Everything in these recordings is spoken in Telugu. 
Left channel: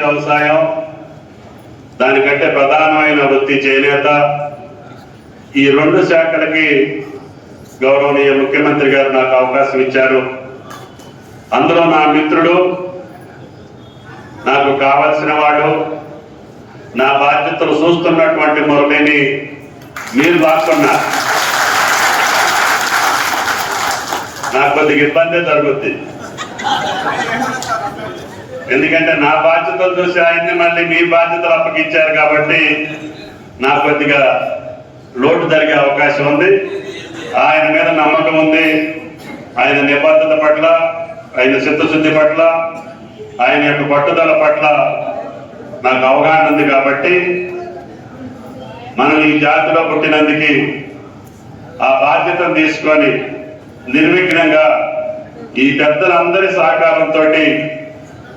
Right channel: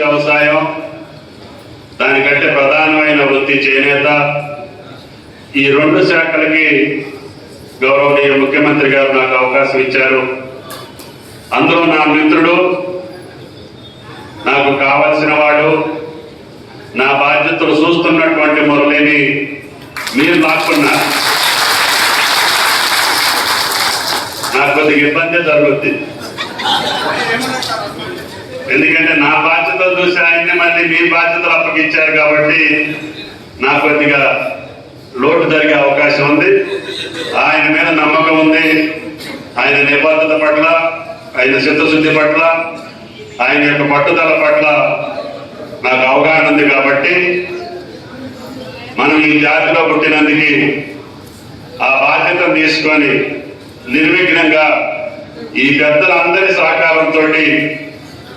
వ్యవసాయం, దానికంటే ప్రధానమైన వృత్తి చేనేత. ఈ రెండు శాఖలకి గౌరవనీయ ముఖ్యమంత్రి గారు నాకు అవకాశం ఇచ్చారు. అందులో నా మిత్రుడు, నాకు కావలసిన వాడు, నా బాధ్యతలు చూస్తున్నటువంటి మురళిని మీరు దాక్కున్నా నాకు కొద్దిగా ఇబ్బందే జరుగుద్ది. ఎందుకంటే నా బాధ్యతలు చూసి ఆయన్ని మళ్ళీ మీ బాధ్యతలు అప్పగిచ్చారు కాబట్టి నాకు కొద్దిగా లోటు జరిగే అవకాశం ఉంది. ఆయన మీద నమ్మకం ఉంది. ఆయన నిబద్ధత పట్ల, ఆయన చిత్తశుద్ధి పట్ల, ఆయన యొక్క పట్టుదల పట్ల నాకు అవగాహన ఉంది. కాబట్టి మనం ఈ జాతిలో పుట్టినందుకు ఆ బాధ్యతను తీసుకొని నిర్విఘ్నంగా ఈ పెద్దలందరి సహకారంతో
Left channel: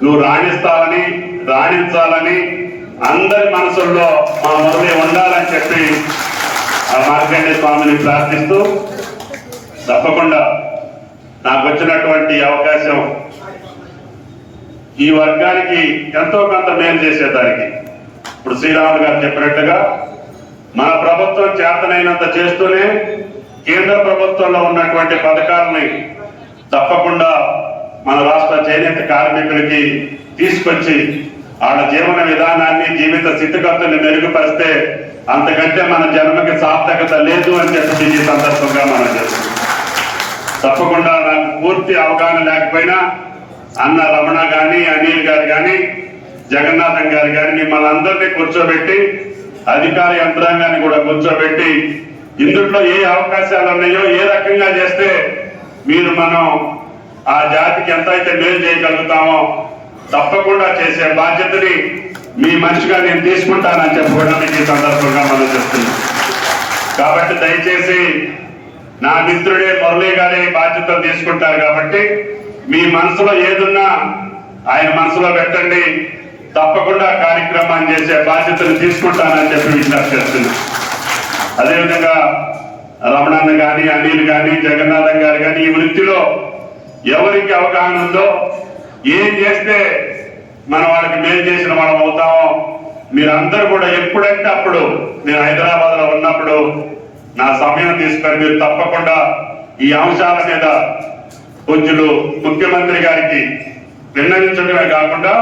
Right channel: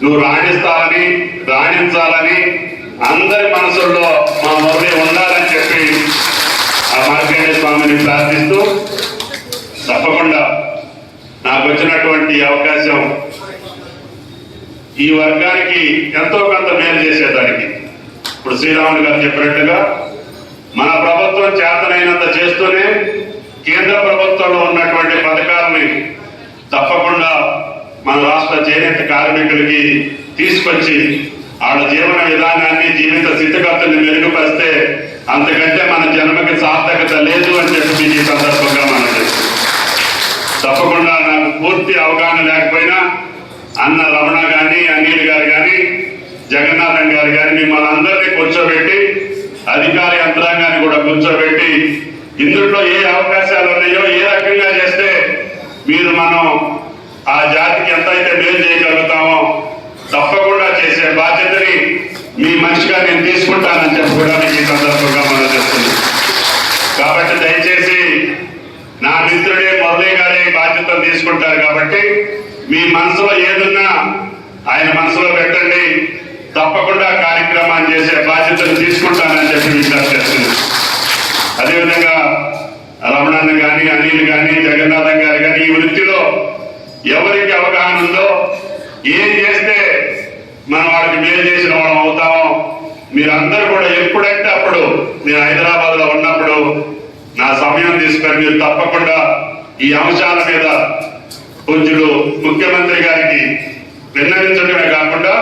నువ్వు రాణించాలని అందరి మనసుల్లో మా మురళి ఉండాలని చెప్పి ఆ మార్కండేయ స్వామిని ప్రార్థిస్తూ, తప్పకుండా నాకు వచ్చినటువంటి అవకాశం ఈ వర్గానికి ఎంతో కొంత మేలు చేసేదానికి, ఇప్పుడు శ్రీరాములు గారు చెప్పినట్టుగా మన ప్రభుత్వం చేతనైనంత చేస్తూనే కేంద్ర ప్రభుత్వంలో ఉన్నటువంటి పథకాలని తప్పకుండా మన రాష్ట్ర చేనేత కార్మికులకి తీసుకొచ్చి వాళ్ళ జీవన విధానాన్ని, జీవిత స్థితిగతుల్ని మెరుగుపరిస్తే అంతకంటే మన జన్మకి సార్థకత లేదు అని చెప్పి ఈ సందర్భంగా మనం చేస్తున్నాం. తప్పకుండా నాకు పూర్తి అవగాహన లేకపోయినా అన్న రమణ కానీ, అనిల్ గారు కానీ, జగన్నాథం గారు కానీ మిమ్మల్ని అందరినీ కూర్చోబెట్టి, అధికార యంత్రాంగాన్ని కూడా కూర్చోబెట్టి ఇందులో ఏ అవకాశాలు ఉన్నాయో, ఏ రకంగా చేస్తే మనం ఆ జాతికి ఎంతైతే మేలు చేయగలుగుతామో తప్పకుండా చేసే బాధ్యతని మీ మనిషిగా నేను తీసుకుంటానని చెప్పి కూడా మీకు ఈ సందర్భంగా మనం చేస్తున్నాం. కాబట్టి దయచేసి నా మిత్రుడే మురళి గారే బాధ్యతలు తీసుకుంటారు కాబట్టి మీ మనసులో ఏదున్నా ఆయన మనసులో పెట్టండి. తప్పకుండా కార్యక్రమాన్ని చేసే బాధ్యతలు తీసుకుంటానని చెప్పి విజ్ఞప్తి చేస్తున్నాం. అదేవిధంగా రమణాన్ని కానీ, అనిల్ కానీ, జగన్నాథం గారు కానీ ఈ వృత్తిలో ఎవరికి అవగాహన ఉందో, ఏం చేస్తే మనం వారికి మేలు చేసిన వాళ్ళం అవుతామో మీరందరూ కూడా ఎప్పుడంటే అప్పుడు, నేను హైదరాబాద్ లో ఉన్నప్పుడు నా సమయం తీసుకొని మీరు తప్పకుండా ఈ అంశాల మీద పూజ్యులు ముఖ్యమంత్రి గారికి విన్నవించడమే కాకుండా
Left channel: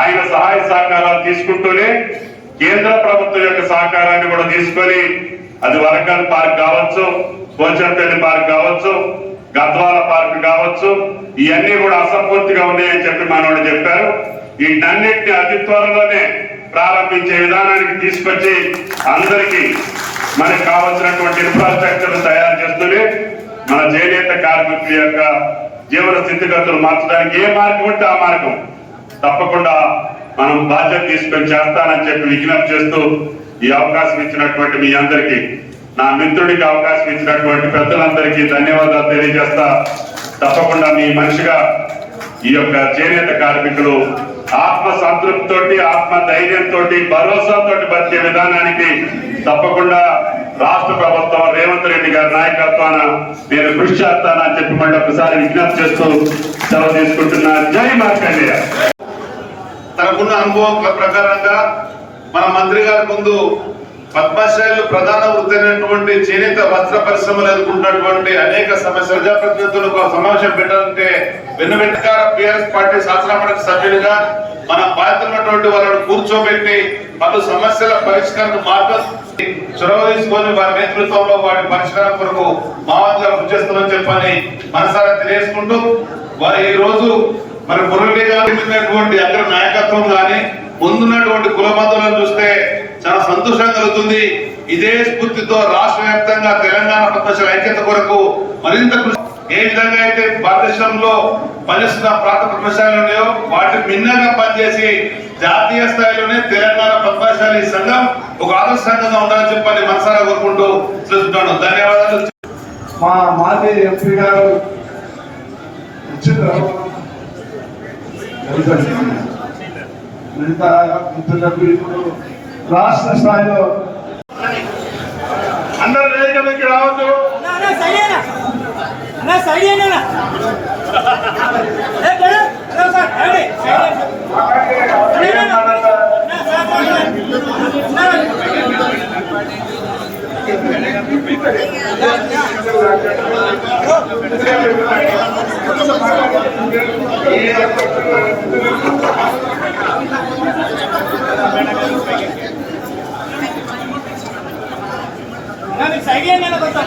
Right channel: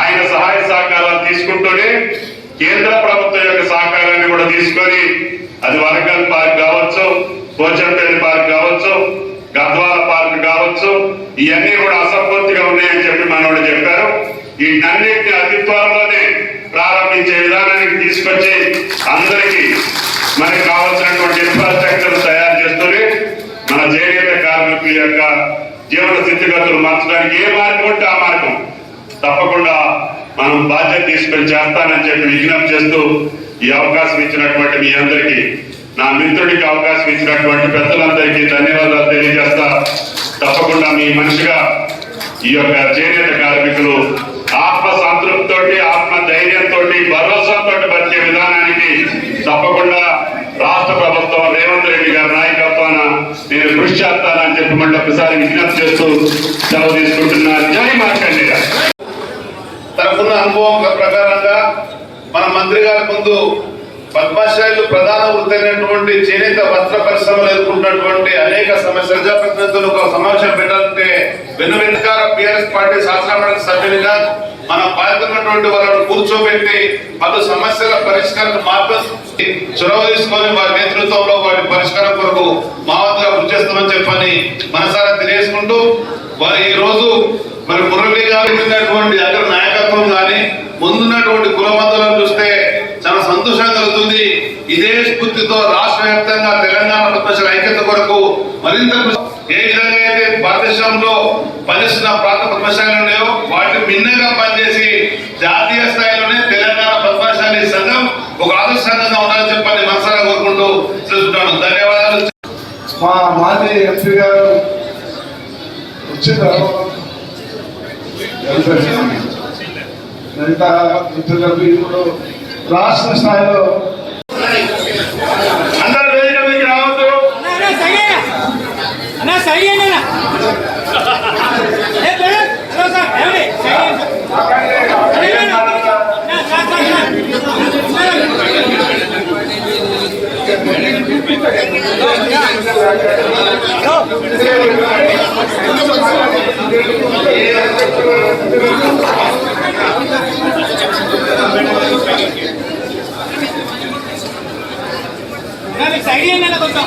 ఆయన సహాయ సహకారాలు తీసుకుంటూనే కేంద్ర ప్రభుత్వం యొక్క సహకారాన్ని కూడా తీసుకొని, అది వరంగల్ పార్క్ కావచ్చు, పోచంపల్లి పార్క్ కావచ్చు, గద్వాల పార్క్ కావచ్చు, ఇవన్నీ కూడా అసంపూర్తిగా ఉన్నాయని చెప్పి మనోడు చెప్పారు. వీటన్నిటిని అతి త్వరలోనే ప్రారంభించే విధానానికి తీసుకొచ్చి అందరికీ మనకు కావాల్సినటువంటి ఇన్ఫ్రాస్ట్రక్చర్ తయారు చేస్తూనే మన చేనేత కార్మికుల యొక్క జీవన స్థితిగతులు మార్చడానికి ఏ మార్గం ఉంటే ఆ మార్గం తప్పకుండా మనం బాధ్యత తీసుకొని చేస్తానని చెప్పి విజ్ఞప్తి చేస్తూ, ఈ అవకాశం ఇచ్చినటువంటి మీ అందరికీ, నా మిత్రుడికి అవకాశం ఇచ్చినటువంటి పెద్దలందరికీ ధన్యవాదాలు తెలియజేస్తా. తప్పకుండా మీ మనిషిగా ఈ యొక్క చేనేత కార్మికులు ఆత్మ సంతృప్తితోటి, ఆత్మ ధైర్యంతో, భరోసాతో బతికే విధానానికి తప్పకుండా రాష్ట్ర ప్రభుత్వం రేవంత్ రెడ్డి గారి నాయకత్వాన నేను కృషి చేస్తానని చెప్పి మళ్ళీ ఒకసారి విజ్ఞప్తి చేస్తూ సెలవు తీసుకుంటున్నారు. జై మార్కండేయ. తనకున్న అనుభవం ప్రకారంగా మన మంత్రి గారి ముందు పద్మశాలి ప్రధాన వృత్తి అయినటువంటి చేనేత వస్త్ర పరిశ్రమలు ఎదుర్కొంటున్నటువంటి అనేక సమస్యలు, ప్రజాప్రతినిధులు ఒక సమావేశం పెట్టాలంటే వెనువెంటకార టీఆర్ఎస్ పార్టీ శాసనమండలి సభ్యులుగా మన బాధ్యతటువంటి వాళ్ళను కూర్చోబెట్టి పలు సమస్యల పరిష్కారం మార్గం చొరవ తీసుకొని వారి నేతృత్వంలో వాటి పరిష్కారం కొరకు మా వంతుగా కృషి చేస్తామని చెప్పని మనసారా తెలియజేసుకుంటూ, వారు ఈ రోజు మరి మురళి గారి అగ్ర నాయకత్వం కానీ ముందున్నటువంటి కులబద్ధలను చూస్తే చాలా సంతోషంగా కలుగుతుంది. ఇదే స్ఫూర్తితో రాష్ట్ర వ్యాప్తంగా తెలంగాణ పద్మశాలి ఐక్యత కొరకు మరింత ఏ విధంగా అయితే భారతదేశంలో పనిస్తున్న ప్రాంత పద్మశాలలు ఉన్నాయో వాటిని భిన్నంగా పనిచేసి జాతీయ స్థాయిలోనే తెలంగాణ పద్మశాలి సంఘం ఒక ఆదర్శంగా ఉండాలని చెప్పని మనసారా కోరుకుంటూ చూస్తున్నాను. ధన్యవాదాలు. మా మాజీ ఎంపీ గారు వచ్చిన తర్వాత మిగతా మిత్రులకు ఇప్పుడు రాష్ట్ర స్థాయిలో సైడ్ సైడ్ అయినా కొంచెం